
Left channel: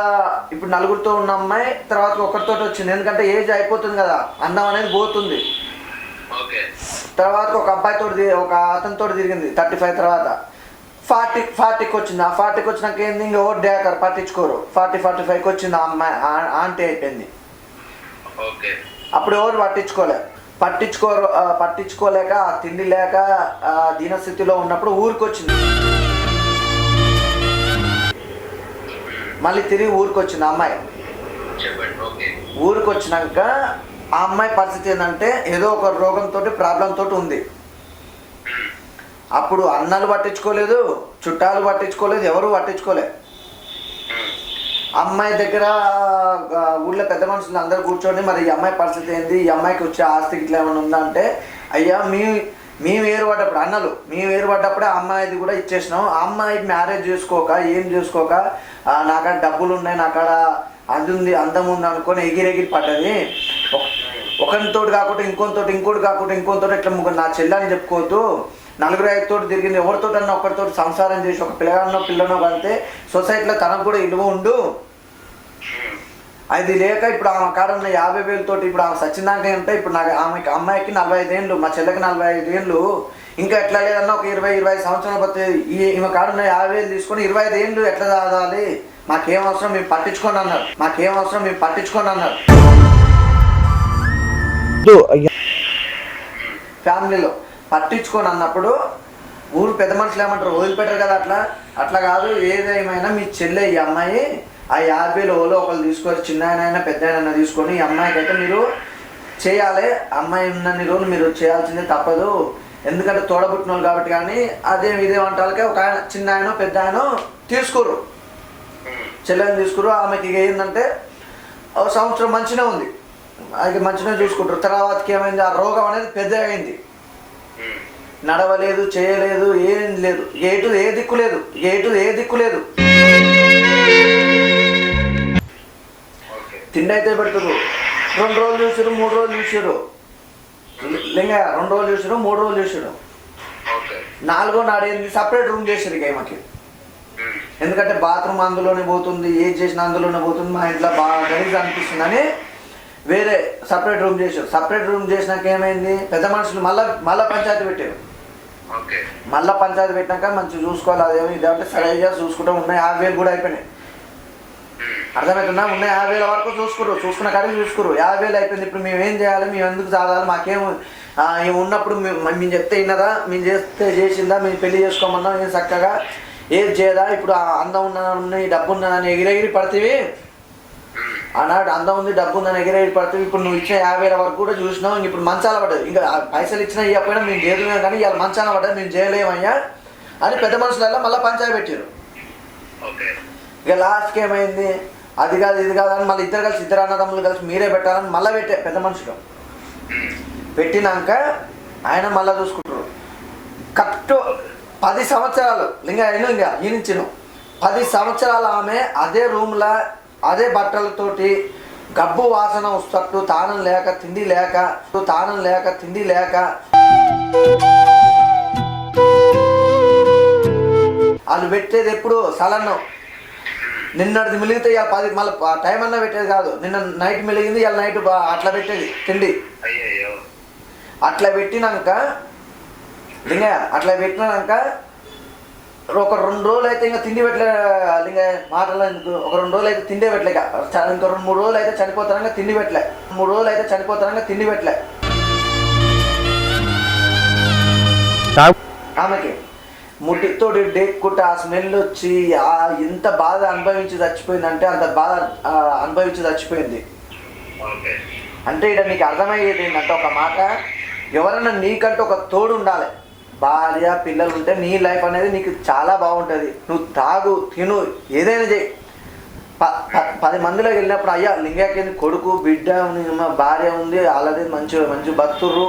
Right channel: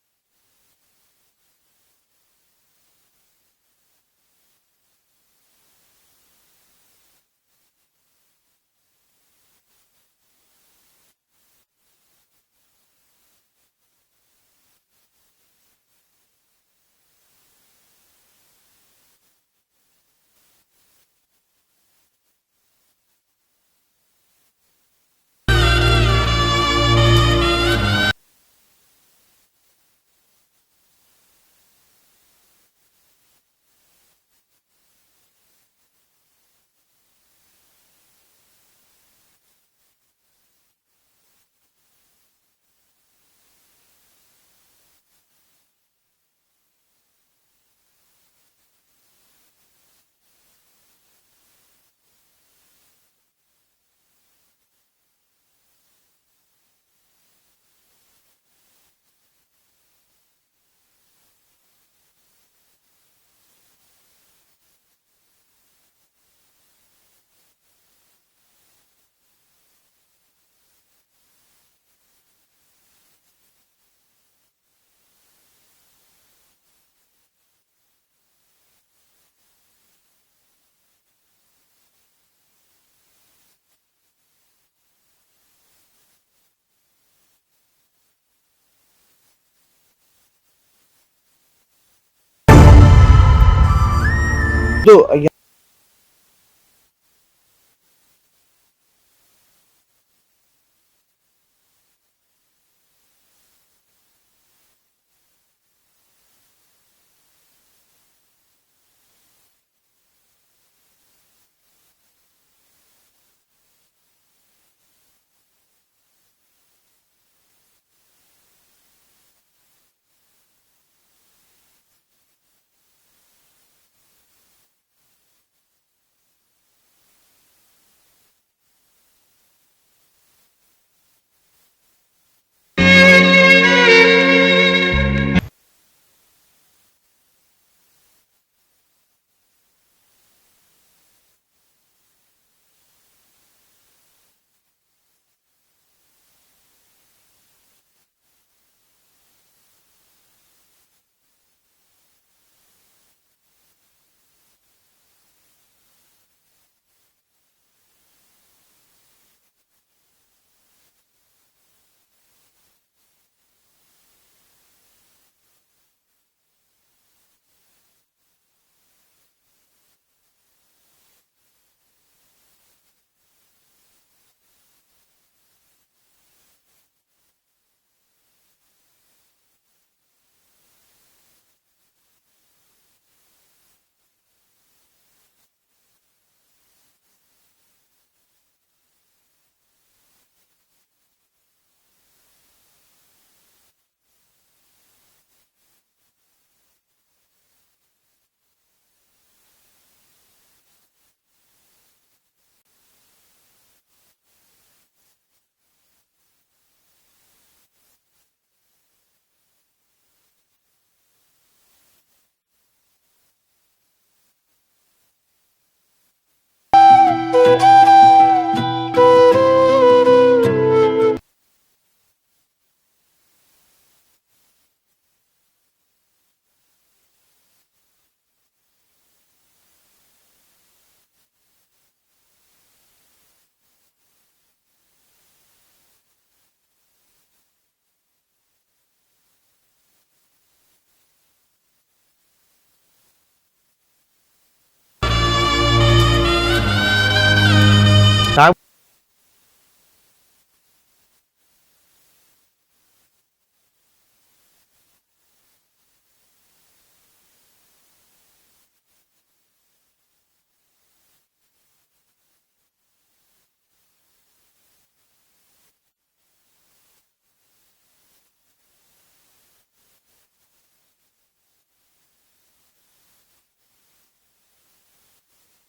ఇప్పుడు నలుగురితో ఉన్న అమ్మాయి తర్వాత ఒకరితో వచ్చింది. ఎందుకంటే ఏజ్ అయిపోతుంది కదా. అందం అనేది పోతుంది. తర్వాత ఒక అబ్బాయితో ఒక అతనితో తిరిగింది థర్టీ ఫైవ్ తర్వాత. ఫార్టీ ఫార్టీకి వచ్చింది? ఆ ఫార్టీకి వచ్చినాక ఏంది? ఇంకా ఓ డేకర్ పట్టించుకోరు. ఫార్టీ ఫార్టీ ఫైవ్కి వచ్చింది ఆ అమ్మాయి ఆంటీ అయిపోయింది. ఓకే. అప్పుడు ఎవరు పట్టించుకోలే. పట్టించుకోరు ఆ, పట్టించుకోలేక తిండి లేక ఆ, దీనస్థితిలో ఉన్నప్పుడు ఊరికి వచ్చింది. మళ్ళీ తిరిగి ఊరికి వచ్చింది అమ్మాయి. ఊరికి వచ్చినాక ఆ అమ్మాయి పరిస్థితి ఏంటంటే ఏదో ఒక రోగంతో ప్రాబ్లం తోటి ఉంది. అప్పుడు అన్నలు పట్టించుకోలేదు చుట్టాలు పట్టించుకోలేదు ఎవరు పట్టించుకోలే. అమ్మాయి దగ్గర ఊళ్ళో పెద్ద మనుషులు అందరూ కూర్చొని మరి ఈ అమ్మాయి పరిస్థితి ఏంది? ఈ అమ్మాయికి వచ్చే ఆస్తి ఇట్లా ఏమైనా ఉందా? అంటే అయ్యా మీ మేము వేరుపడ్డప్పుడు అన్నలు మేము వేరుపడ్డప్పుడే ఆ అమ్మాయిది కూడా ఇచ్చేసినాం. ఆ అమ్మాయి మ్యారేజ్ చేసుకోక ఏం చేసుకోక నాకాడ డబ్బులు ఉన్నాయి నాకాడ అది ఉంది అందం ఉంది అనుకొని ఎగిరి ఎగిరి పడ్డది ఒకరితోటి కాకుండా ఇంకొనితోటి ఇంకోటి కాకుండా ఇంకొనితోటి ఇట్లా ముగ్గురు నా చెల్లని చెప్పుకోవద్దు. నలుగురు ఐదు తోటి తిరిగింది. ఎవరితోటన్నా ఒకరితోటి సంసారం చేసి ఒక పిల్లగానో పిల్లనో కలితే సొసైటీలో తనకు కూడా ఇలువ ఉండు. అది లేక ఇప్పుడు ఆమె కాడ ఉన్న యాభై వేలతోటి ఇప్పుడు ఆమె సచ్చిందాక అంటే ఇప్పుడు నాకు ఆమెకి అమ్మాయికి నలభై ఐదు ఏళ్ళు మా చెల్లెకి నలభై ఐదు ఏళ్ళు. ఇంకా ఎట్లా లేదన్నా ఒక ఇరవై ఇరవై ఐదు సంవత్సరాలు పోతే ఈ ఈమె కాడున్న యాభై వేలు తీసుకొని ఇరవై ఐదు ఏళ్ళు ఎట్లా దాదాలి? మాకేం అవసరం? మేము పట్టించుకోండి అన్నారు. మాకేం అవసరం? మేము పట్టించుకోండి అన్నారు. ఫ్యామిలీలో పట్టించుకొని అన్నప్పుడు ఊరు పెద్ద మనుషులు ఏమంటారు? వదిలిపెట్టరు కదా అట్లా? అట్లా కాదు. ఏదేమైనా మీ చెల్లె ఈ అమ్మాయి ఆ యాభైలో ఓలో ఒకళ్ళు తీసుకొని చిన్న అయినా పెద్ద అయినా తీసుకొని ఈ అమ్మాయికి అయితే మీరు చేయాలి. అమ్మాయి ఉన్నన్ని రోజులు మీరు చేయాల్సిందే తప్పదు. ఎందుకంటే తోడబుట్టిన వాళ్ళు కాబట్టి కానీ అదే ఇదే వంటలకే ఒక ఆయన చిన్న ఆయన పెద్ద ఆయన తీసుకోరు. చెల్లెని తీసుకురు ఆమెకి ఇక ఏంటంటే ఒక సంవత్సరం మంచిగా ఉంది. అది మంచిగా చూసుకుంటారు. తర్వాతకి ఏమైంది? ఆ రోగం అనేది పెద్ద అయింది. నడవలేదు చేయలేదు ఏం లేదు. ఏటు ఏ దిక్కు లేదు. ఏటు ఏ దిక్కు లేదు. తిండి అయితే పెడుతురు రెండు రోజులు చూసారు మూడు రోజులు చూసారు లింగ రెండు రోజులు చూసారు మూడు రోజులు చూసారు నాలుగో నాడు ఏంది? సపరేట్ రూమ్ చేసారు ఇక ఈమెకి. ఎందుకంటే బాత్రూమ్ అందులోనే పోతుంది ఏది చేసినా అందులోనే పోతుంది. మా ఇంట్లో బాగా గలీజ్ అనిపిస్తుందని వేరే సపరేట్ రూమ్ చేశారు. సపరేట్ రూమ్ చేసినాక ఏమైంది? పెద్ద మనుషులు మళ్ళీ మళ్ళీ పంచాయతీ పెట్టారు. మళ్ళీ పంచాయతీ పెట్టినాక మంచిగా చూసుకోవాలి అదేమి ఇదంటే సరే అయ్యా చూసుకుంటాం ఉన్నాయి యాభై వేలు కూడా అయిపోయినాయి. అర్థమవుతుందా? ఉన్నాయి యాభై వేల వరకు చూసుకురు చూసుకున్న కాడికి చూసుకురు యాభై వేలు అయిపోయింది. ఇప్పుడు మేము ఏం చేయాలి? మేము ఎందుకు చదవాలి మాకేం ఏం ఉన్నప్పుడు మేము మేము చెప్తే విన్నదా? మేము చేస్తే చేసిందా? మేము పెళ్ళి చేసుకోమన్నా? ఏం చక్కగా? ఏది చేయదా? ఇప్పుడు అందం ఉన్న డబ్బు ఉన్నదని ఎగిరెగిరి పడితే ఆనాడు అందం ఉంది డబ్బు ఉందని ఎగిరెగిరి పడితే ఇప్పుడు నువ్వు ఇచ్చిన యాభై వేల వరకు కూడా చూసినావు. ఇంక ఇప్పుడు మంచాల పడ్డది. ఇంకా పైసలు ఇచ్చినా ఇవ్వకపోయినా మేము చేయలేము కానీ ఇవాళ మంచాల పడ్డది మేము చేయలేమయ్యా అని పెద్ద మనుషులలో మళ్ళీ పంచాయతీ పెట్టారు ఇక లాస్ట్కి ఏమైంది? అది కాదు ఇది కాదు అని మళ్ళీ ఇద్దరు కలిసి ఇద్దరు అన్నదమ్ములు కలిసి మీరే పెట్టాలని మళ్ళీ పెట్టే పెద్ద మనుషులు. పెట్టినాక ఆయన మళ్ళీ చూసుకుంటారు. కరెక్ట్ పది సంవత్సరాలు లింగ అయిన ఇంకా ఈనించిన పది సంవత్సరాలు ఆమె అదే రూమ్లో అదే బట్టలతోటి గబ్బు వాసన వస్తట్టు తానం లేక తిండి లేక తానం లేక తిండి లేక. వాళ్ళు పెట్టేది ఎప్పుడు? సలన్నం. నిన్నటిది మిలిగితే ఇవాళ పది మళ్ళీ టైం అన్నా పెట్టేది కాదు. నిన్న నైట్ మిలిగింది ఇవాళ నైట్ అట్లా పెట్టేది తిండి. అట్లా పెట్టినాక లింగ అట్లా పెట్టినాక ఒక రెండు రోజులు అయితే ఇంకా తిండి పెట్టలే లింగ మాటలు ఎందుకు ఒక రెండు రోజులు అయితే తిండే పెట్టలే ఇక. రెండు మూడు రోజులు అయితే చనిపోతానంగా తిండి పెట్టలే. మూడు రోజులు అయితే చనిపోతానంగా తిండి పెట్టలే. ఆమెకి ముట్టితోటి డేక్కుంటే ఆ స్మెల్ వచ్చి ఆ ఎంత బాధ అనుభవించి చచ్చిపోయిందంటే అంత బాధ అనుభవించి చచ్చిపోయింది. అంటే ఇక్కడ నీకు అర్థమయ్యేది ఏంటంటే ఒక మాట ఎవరైనా నీకంటే ఒక తోడు ఉండాలి. భార్య పిల్లలు ఉంటే నీ లైఫ్ అనేది నీకు చాలా బాగుంటుంది. నువ్వు తాగు తిను ఏదైనా చేయి. పది మందిలోకి వెళ్ళినప్పుడు అయ్యా లింగాకి కొడుకు బిడ్డ మా భార్య ఉంది వాళ్ళది మంచి మంచి బతుర్రు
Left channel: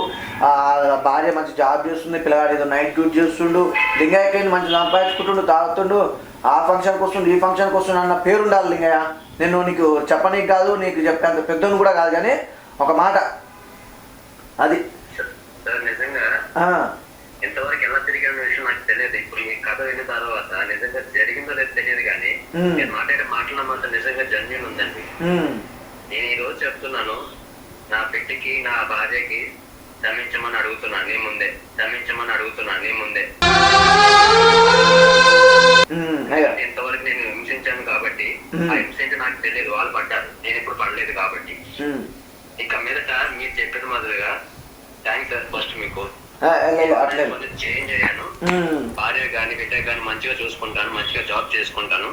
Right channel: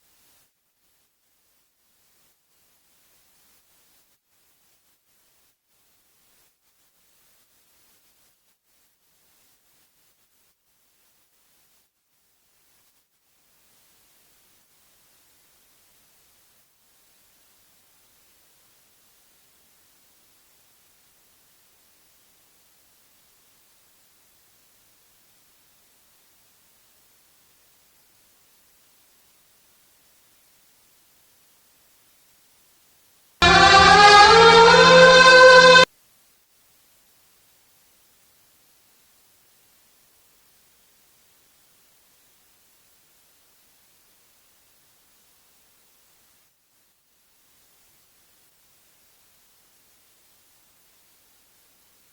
భార్య మంచి జాబ్ చేస్తుంది పిల్లగాడు ఏదో నైట్ డ్యూటీ చేస్తుండు. లింగాయకి మంచి సంపాదించుకుంటుండు తాగుతుండు. ఆ ఫంక్షన్కి వస్తుండు ఈ ఫంక్షన్కి వస్తుండు అన్న పేరు ఉండాలి లింగయ్య. నేను నీకు చెప్పనీకి కాదు నీకు చెప్పేంత పెద్దను కూడా కాదు కానీ ఒక మాట. అది. నిజంగా ఇంతవరకు ఎలా తిరిగిన విషయం నాకు తెలియదు. ఇప్పుడు మీ కథ విన్న తర్వాత నిజంగా జరిగిందో లేదో తెలియదు కానీ. నేను మాట్లాడే మాటల మాట నిజంగా జన్యున్ ఉందండి. నేను ఈ రోజు చెప్తున్నాను నా బిడ్డకి నా భార్యకి క్షమించమని అడుగుతున్నాను నీ ముందే. క్షమించమని అడుగుతున్నాను నీ ముందే. ఇంతవరకు నేను హింసించాను కాబట్టి. ఆ హింస ఏంటో నాకు తెలియదు. వాళ్ళు పడ్డారు. నేను ఇప్పుడు పడలేదు కాబట్టి. ఇక మీదట మీరు చెప్పిన మాదిరిగా థ్యాంక్స్ సార్ ఫస్ట్ మీకు. లేదు, అట్లేదు కొంచెం చేంజ్ అయ్యాను. భార్య కానీ బిడ్డ కానీ మంచిగా చూసుకుంటాను మంచిగా జాబ్ చేసుకుంటాను.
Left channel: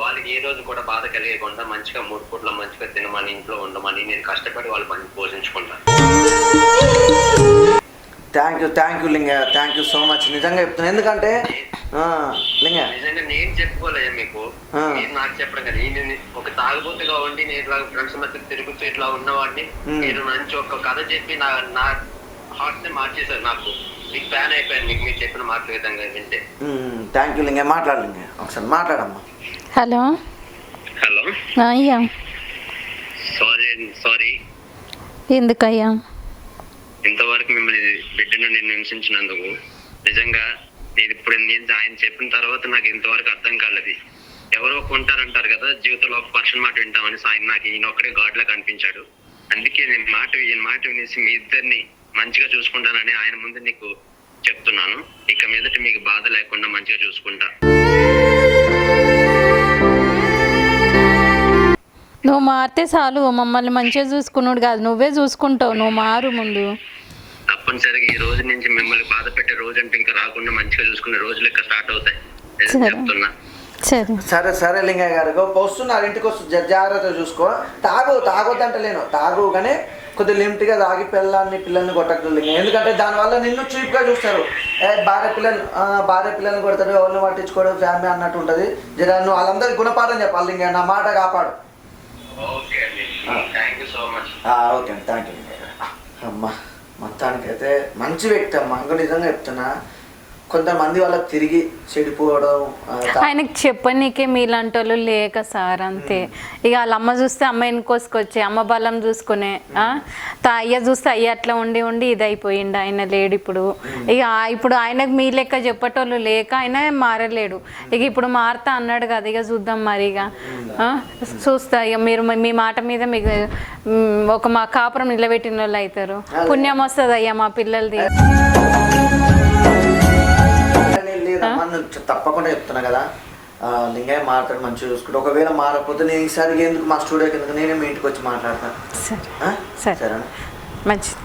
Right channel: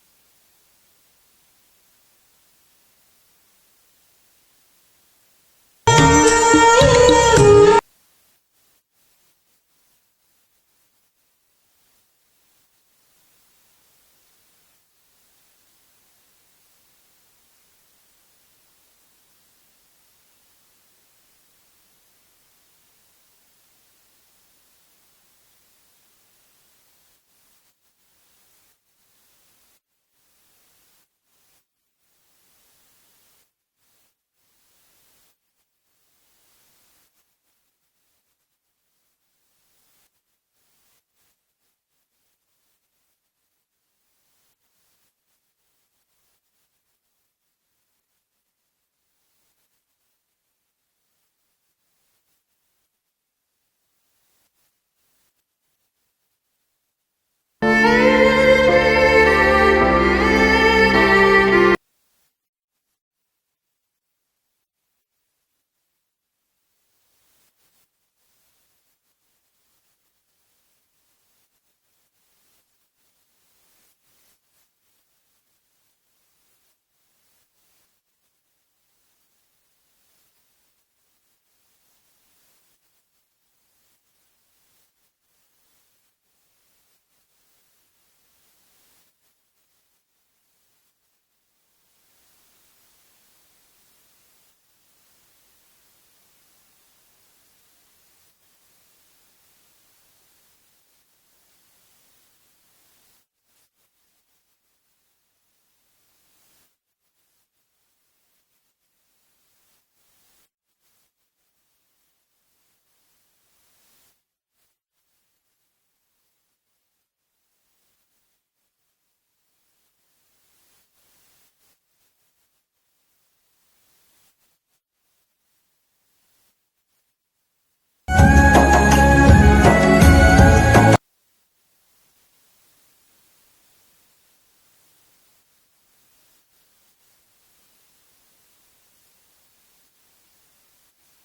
వాళ్ళకి ఏ రోజు కూడా బాధ కలిగకుండా మంచిగా మూడు పూట్ల మంచిగా తినమని ఇంట్లో ఉండమని నేను కష్టపడి వాళ్ళ పని పోషించుకుంటాను. Thank you thank you Linga. Thank you so much నిజంగా చెప్తున్నాను ఎందుకంటే లింగ. నిజంగా నేను చెప్పుకోలేదు మీకు. మీరు నాకు చెప్పడం కదా. నేను ఒక తాగుబోతుగా ఉండి నేను ఇట్లా ఫ్రెండ్స్ మధ్య తిరుగుతూ ఇట్లా ఉన్నవాడిని. మీరు మంచి ఒక కథ చెప్పి నా నా హార్ట్ని మార్చేశారు నాకు. మీకు ఫ్యాన్ అయిపోయాను మీకు మీరు చెప్పిన మాటల విధంగా వింటే. థ్యాంక్ యూ లింగ మాట్లాడు లింగ ఒకసారి మాట్లాడమ్మా. హలో. హలో. అయ్యా. సారీ సారీ ఎందుకయ్యా? ఇంతవరకు మిమ్మల్ని బిడ్డను నేను హింసించినందుకు నిజంగా నేను ఇప్పుడు నేను ఆయన చెప్పిన తర్వాత నాకు ఇంతవరకు అర్థం కాలేదు. ఎవరో కొంటారంటారు కదా జీవితంలో ఒక పర్సన్ మాట వింటామని ఆయన నాకు ఈయన ఒక్కడే గాడ్ లా కనిపించాడు. అందుకే నేను మాట ఈయన మాట వినేసి మీ ఇద్దరిని మంచిగా చూసుకుంటానని ఆయన ముందు నీకు చెప్తున్నాను. ఇక మీదట మీకు బాధ లేకుండా మంచిగా చూసుకుంటా. నువ్వు మారితే చాలు మమ్మల్ని మంచిగా చూసుకున్నాడు కాదు నువ్వే చూసుకుంటావు నువ్వు మారు ముందు. తప్పనిసరిగా ఈ రోజు నుంచి మిమ్మల్ని బాధ పెట్టే రోజు అంటే ఇంకా రాకుండా మంచిగా చూసుకునే రోజులు ఇంకా స్టార్ట్ అవుతాయి. సరే. చెప్తున్నా. సరే. లింగయ్య గారు వస్తున్నారు ఇంటికి వస్తు జా- జాగ్రత్తగా చూసుకో. తాగు తాగొద్దంటలేను. తాగు కానీ కొద్దిగా లిమిట్గా తాగి పిల్లల్ని పిల్లల్ని కొట్టకు లింగ ఎందుకంటే దానివల్ల నిన్ను చీప్గా చూస్తారు. ఏ భార్య పిల్లలు భార్య పిల్లల్ని కొడతాడు ఎవరిని పట్టించుకోవడం ఫ్యామిలీ అన్నట్టు ఉంటుంది. జర నువ్వు వాళ్ళందరికీ గుణపాఠం చెప్పాలి. లింగ నా మాట కాపాడు. ఓకే అండి. థ్యాంక్ యూ సో మచ్ ఆ, ఓకే అండి. థ్యాంక్ యూ అమ్మా మొత్తానికైతే మంచి వ్యక్తి అమ్మా. ఇంకా నిజంగా చెప్తున్నా. కొంతమంది వాళ్ళకి తిరిగి చెడిపోవడం ఆయనకి చెప్పనీకే మీలాంటి వాళ్ళు లేక సార్ అంతే. ఇక వాళ్ళ అమ్మ చూస్తే అమ్మాయిని కోసుకొచ్చి అమ్మ బలం చూసుకునే? తా అయ్య చూస్తే అయ్య అట్లా ఉండి ఉండి ఇది అయిపోయిండు ఆయన లేడు ఇప్పుడు. ఇక ఇప్పుడు ఆయనకు మీ లెక్క చెప్పేటోళ్ళు లేక ఆయన మారలేడు. ఇక ఇప్పుడు మారుతా అన్నాడు కదా ఇక చూద్దాం మరి ఇక? చూస్తా ఇక మీరు మీ మాట మీద మీకు ఒక మా కాపురం నిలబెట్టిన వాళ్ళు అవుతారు పుణ్యం వస్తుంది అయ్యా మా పిల్లలది. తప్పకుండా చెప్తున్నా కదా. లింగయ్య మాట్లాడి మంచిగా చూసుకుంటే ఒకవేళ మారకపోతే నేను ఈసారి ఎందుకు మా స్టూడియోకి ఎందుకు? నేనే మీ ఇంటికి వచ్చి మాట్లాడతాను సరే? సరే. సరేనా? మంచిది?